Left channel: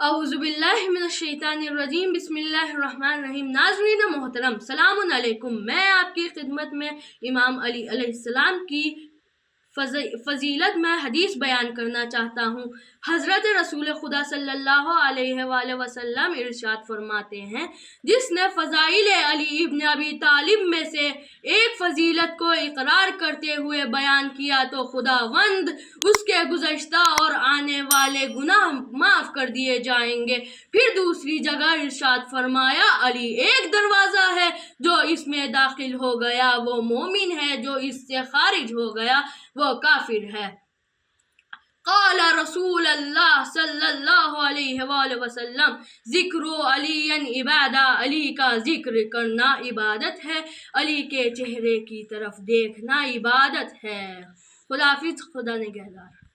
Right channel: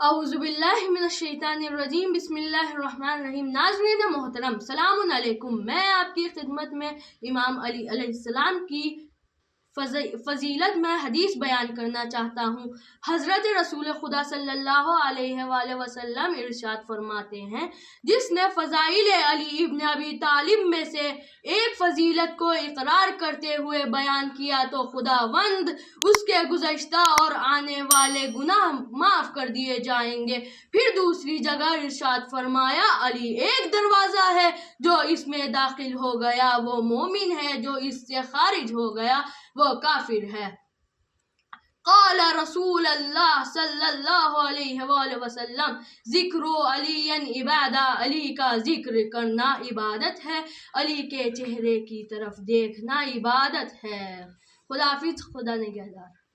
اعوذ باللہ من الشیطان الرجیم، بسم اللہ الرحمن الرحیم۔ ناظرین محترم، سلام علیکم۔ میں آپ کی خدمت میں امام علی علیہ السلام کی فضیلت میں حدیث بیان کرنا چاہتا ہوں۔ حضرت رسول خدا صلی اللہ علیہ وآلہ وسلم ارشاد فرماتے ہیں، جس نے فضائل علی ابن ابی طالب میں سے ایک فضیلت کو اقرار کرتے ہوئے بیان کیا تو خداوند اس کے گزشتہ اور آنے والے گناہ معاف کر دیے جائیں گے۔ پھر دوسری جگہ ارشاد فرمایا، علی ایک دروازہ ہے، جو اس میں داخل ہو گیا وہ مومن ہے، جو اس سے خارج ہو گیا وہ کافر ہے۔ قال رسول اللہ صلی اللہ علیہ وآلہ وسلم، ذکر علی عبادہ، علی کا ذکر کرنا عبادت ہے، علی کے چہرے کی طرف دیکھنا عبادت ہے۔ خدا حافظ، خدا نگہدار۔